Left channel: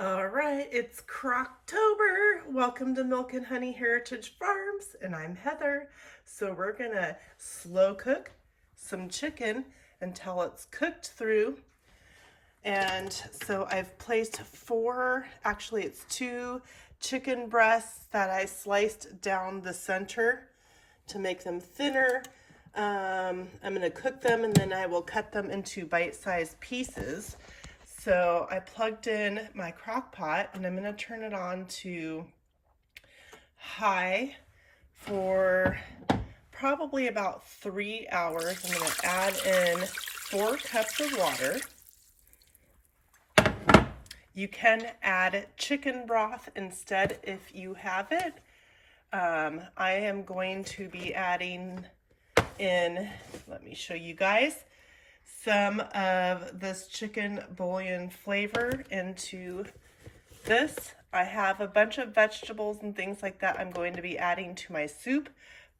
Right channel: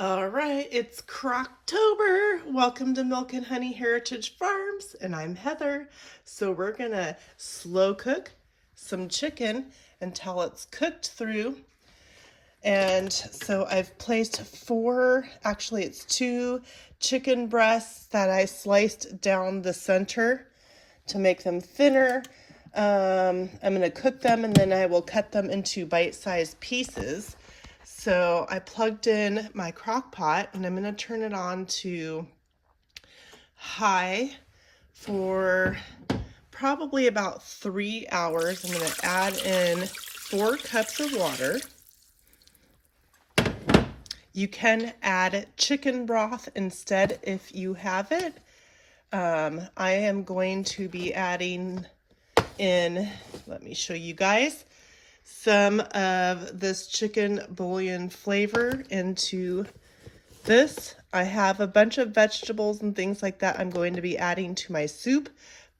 All right, it's Crocktober. Welcome to Milk and Honey Heritage Farms, and I'm Heather. So we're gonna slow cook some chicken until it's cooked through. And so I've placed it's two chicken breasts that I sliced down the center to make them thinner. I'm gonna cook them and then I will cut them into bite-sized pieces. So I plugged in my crock pot and I'm going to turn it on to high for probably about 3 hours. I'm going to add in 4 cups of water. You can add chicken broth instead if you have it. I am going to be adding in, let me show you guys, some of this chicken bouillon flavor into this. I have a bunch of vegetables and things like that I'm going to be adding to my soup,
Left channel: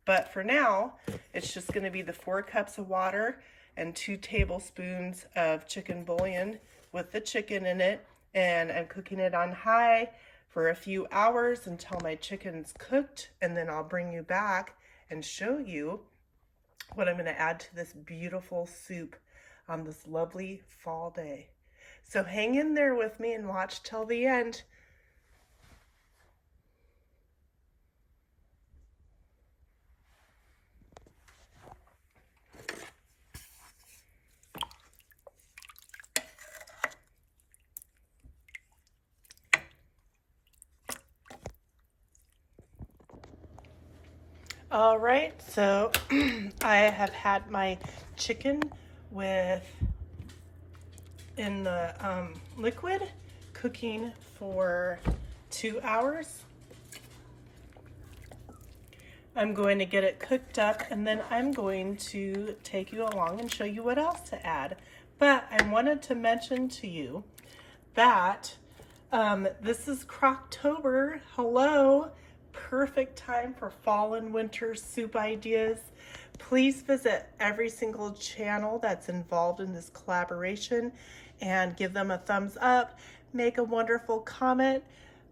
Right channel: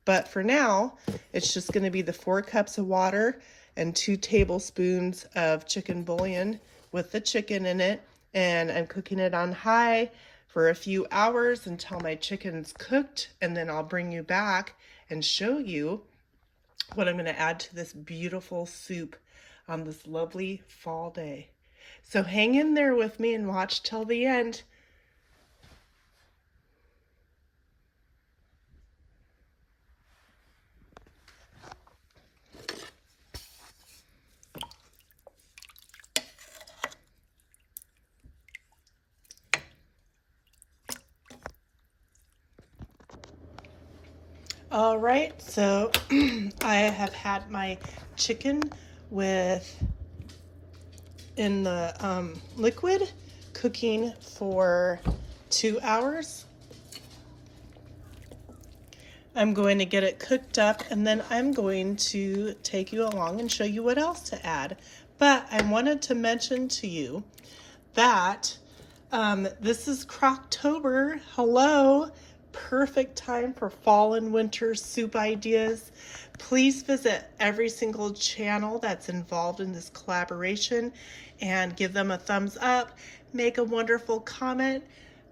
but for now it's just going to be the 4 cups of water and 2 tablespoons of chicken bouillon with the chicken in it, and I'm cooking it on high for a few hours until my chicken's cooked, and then I'll bring you back and show you what I'm going to add to this beautiful soup on this lovely fall day. So hang in there with me and watch till the end. All right, so I have had my chicken in the liquid cooking for 2 hours. I'm going to get it cooked up and then I'm going to take you along and show you what else to add. But I wanted to mention to you that this is Crocktober. Hello. Perfect time for fall and winter soup ideas. Please visit every single channel that's involved in this collaboration and give them a thumbs up. Make a wonderful comment.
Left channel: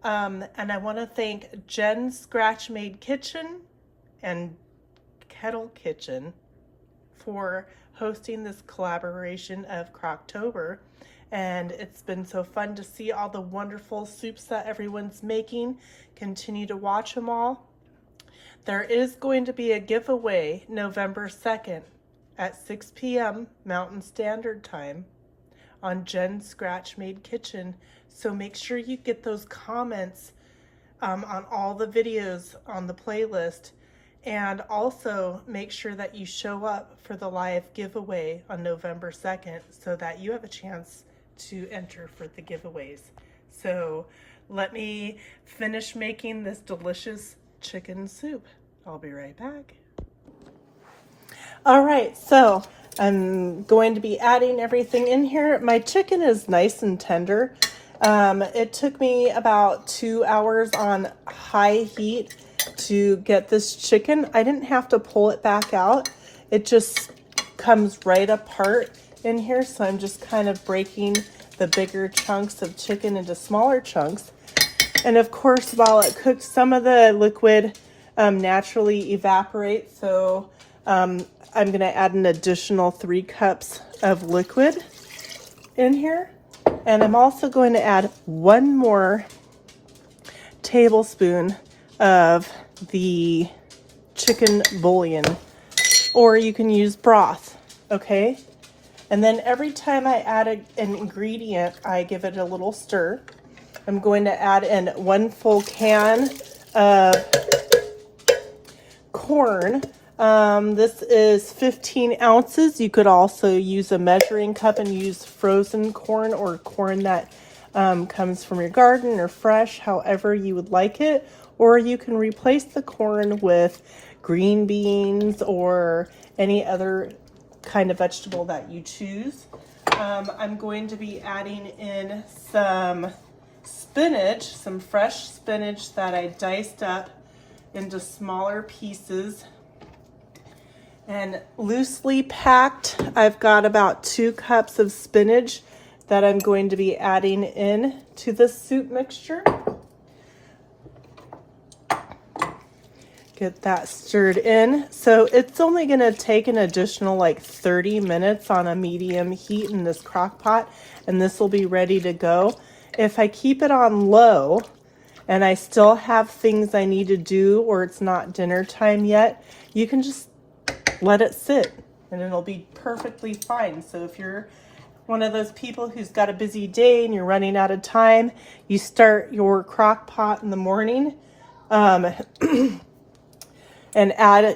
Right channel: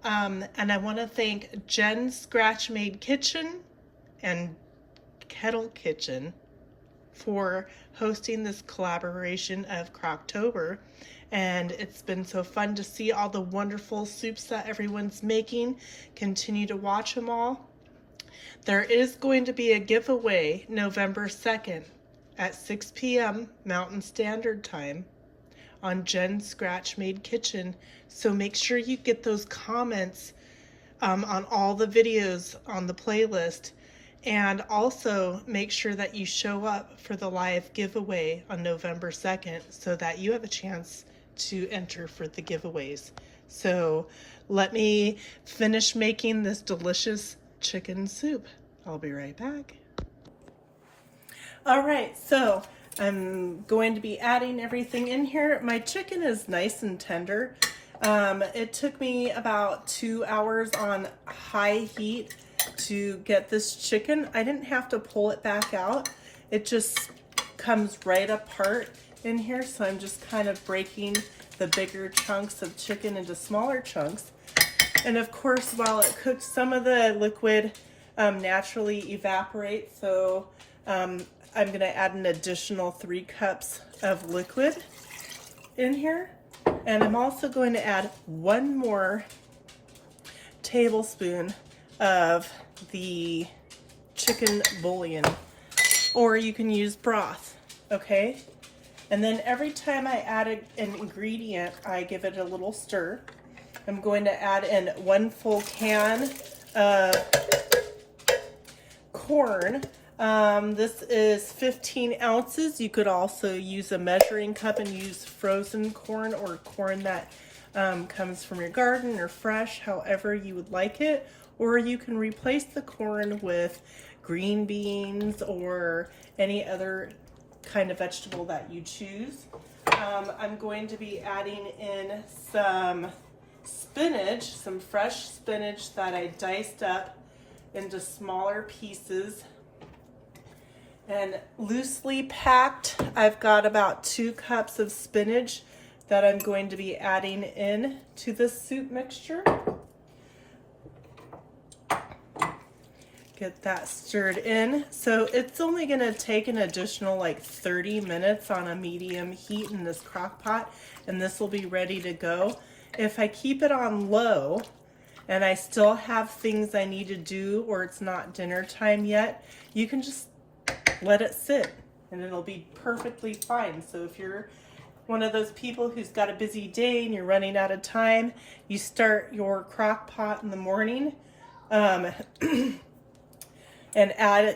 And I want to thank Jen's Scratch Made Kitchen and Kettle Kitchen for hosting this collaboration of Crocktober. And it's been so fun to see all the wonderful soups that everyone's making. Continue to watch them all. There is going to be a giveaway November 2nd at 6 p.m. Mountain Standard Time on Jen's Scratch Made Kitchen. So make sure you get those comments on all the videos on the playlist. And also make sure that you show up for the live giveaway on November 2nd so that you have a chance to enter for the giveaways. So let me finish making this delicious chicken soup. I'll be right back. All right, so I'm going to be adding everything in here. My chicken is nice and tender. It took me about 2 hours on high heat to get this chicken. I didn't have to pull it back out. It just comes right apart in here, so I'm just kind of breaking the bigger chunks of chicken into smaller chunks. And of course, while it cooks, some of the liquid naturally evaporates, so I'm going to add an additional 3 cups of liquid in here. And I'm also going to add 1 more tablespoon of the chicken bouillon, or you can use broth, okay? And then every time I add an ingredient, I give it a little stir. I'm going to add in 1 full can of corn. This is 15 ounces. You could also use a measuring cup and use frozen corn or corn that comes from your garden or fresh, however you would like it. Or you can replace the corn with green beans or any other kind of vegetable that you choose. I'm going to be adding in some spinach, some fresh spinach that I diced up into smaller pieces. And loosely packed, I've got about 2 cups of spinach that I'm going to be adding in to this soup mixture. Get that stirred in. So it's only going to take an additional like 30 minutes on a medium heat in this crock pot, and this will be ready to go. If I keep it on low and I still have things I need to do, or it's not dinner time yet, you can just let it sit and it'll be perfectly fine. So if you're one of those people who's got a busy day and you're running out of time, you start your crock pot in the morning, and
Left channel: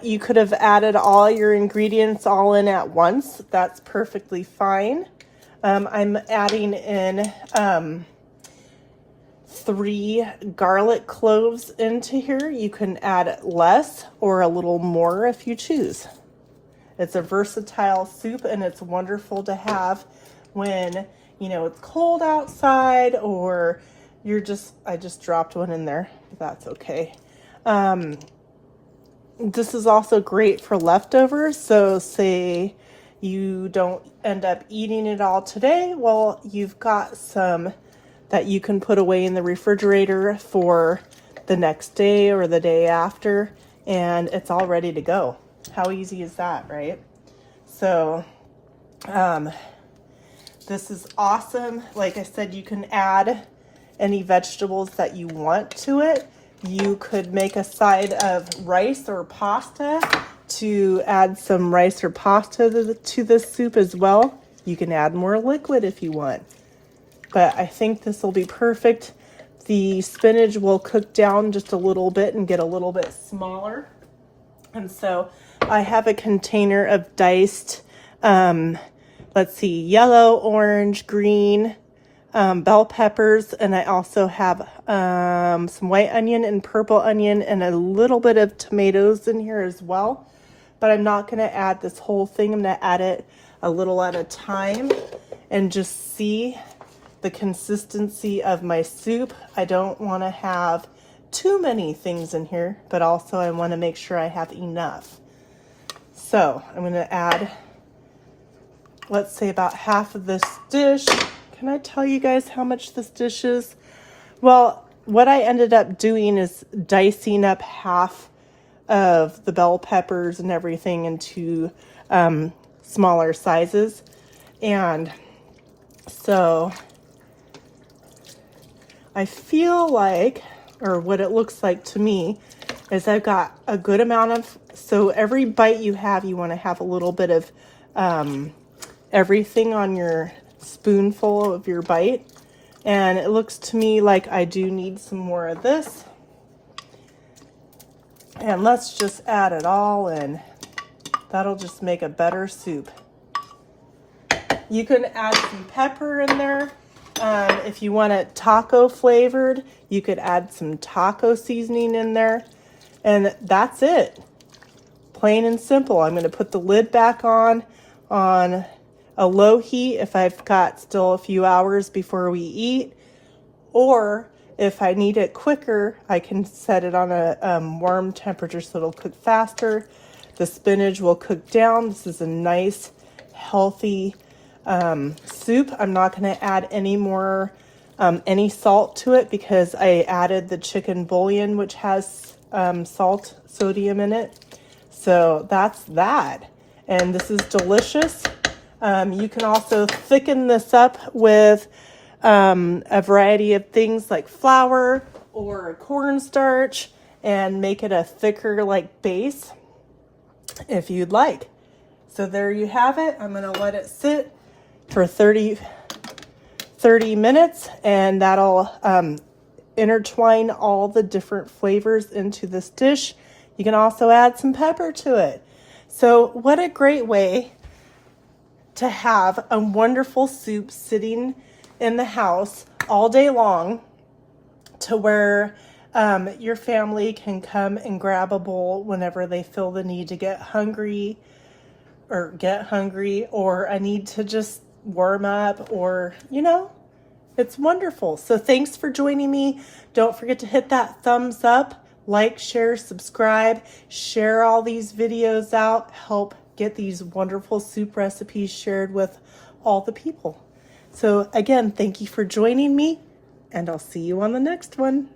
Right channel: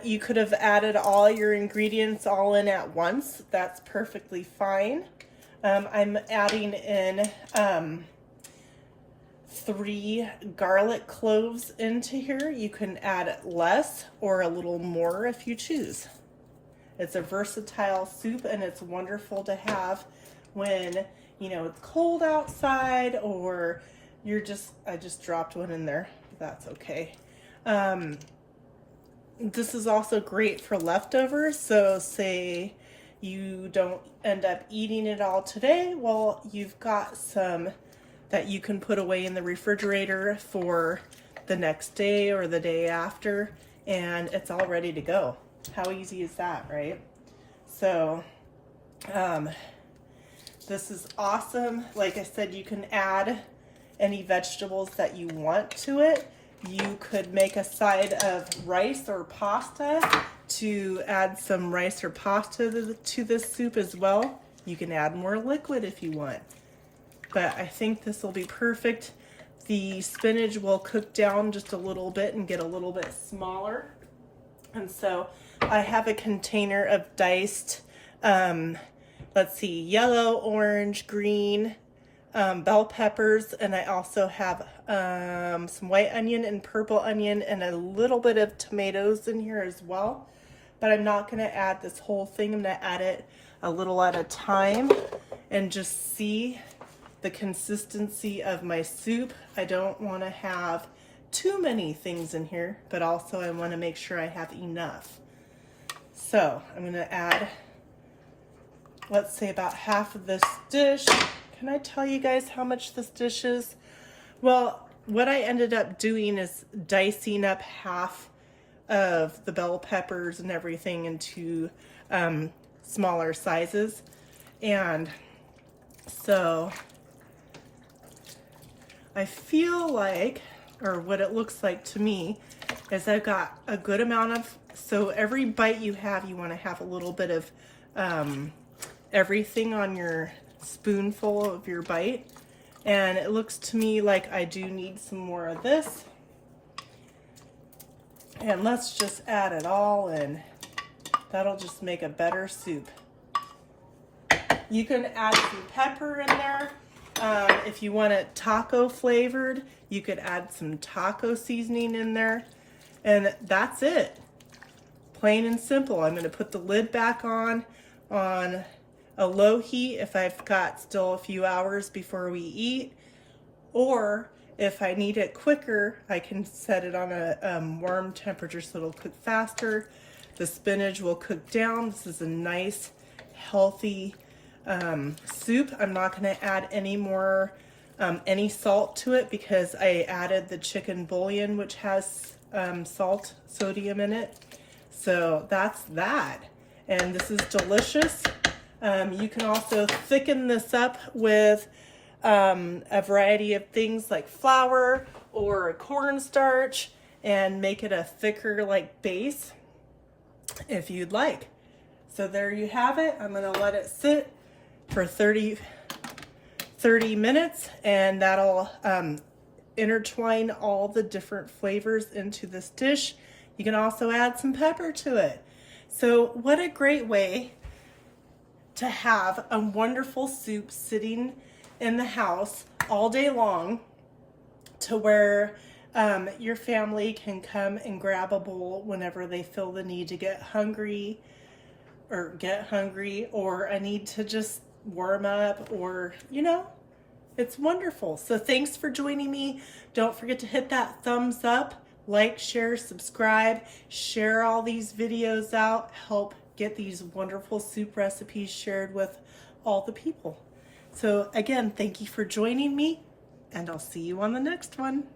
you could have added all your ingredients all in at once. That's perfectly fine. I'm adding in 3 garlic cloves into here. You can add less or a little more if you choose. It's a versatile soup, and it's wonderful to have when, you know, it's cold outside, or I just dropped one in there, but that's okay. This is also great for leftovers. So say you don't end up eating it all today, well, you've got some that you can put away in the refrigerator for the next day or the day after, and it's all ready to go. How easy is that, right? So this is awesome. Like I said, you can add any vegetables that you want to it. You could make a side of rice or pasta to add some rice or pasta to this soup as well. You can add more liquid if you want, but I think this will be perfect. The spinach will cook down just a little bit and get a little bit smaller. And so I have a container of diced, let's see, yellow, orange, green, bell peppers, and I also have some white onion and purple onion and a little bit of tomatoes in here as well. But I'm not going to add this whole thing. I'm going to add it a little at a time and just see the consistency of my soup. I don't want to have too many things in here, but also I want to make sure I have enough. So I'm going to add, let's say, about half of this dish. Can I tell you guys how much this dish is? Well, what I ended up doing is dicing up half of the bell peppers and everything into smaller sizes. And so I feel like, or what it looks like to me, is I've got a good amount of, so every bite you have, you want to have a little bit of everything on your spoonful of your bite. And it looks to me like I do need some more of this. And let's just add it all in. That'll just make a better soup. You can add some pepper in there. If you want it taco flavored, you could add some taco seasoning in there. And that's it. Plain and simple. I'm going to put the lid back on a low heat if I've got still a few hours before we eat. Or if I need it quicker, I can set it on a warm temperature so it'll cook faster. The spinach will cook down. This is a nice, healthy soup. I'm not going to add any more, any salt to it because I added the chicken bouillon, which has sodium in it. So that's that. And this is delicious. You can also thicken this up with a variety of things like flour or a cornstarch and make it a thicker like base if you'd like. So there you have it. I'm going to let it sit for 30 minutes, and that'll intertwine all the different flavors into this dish. You can also add some pepper to it. So what a great way to have a wonderful soup sitting in the house all day long, to where your family can come and grab a bowl whenever they feel the need to get hungry or a need to just warm up, or, you know, it's wonderful. So thanks for joining me. Don't forget to hit that thumbs up, like, share, subscribe, share all these videos out, help get these wonderful soup recipes shared with all the people. So again, thank you for joining me, and I'll see you on the next one.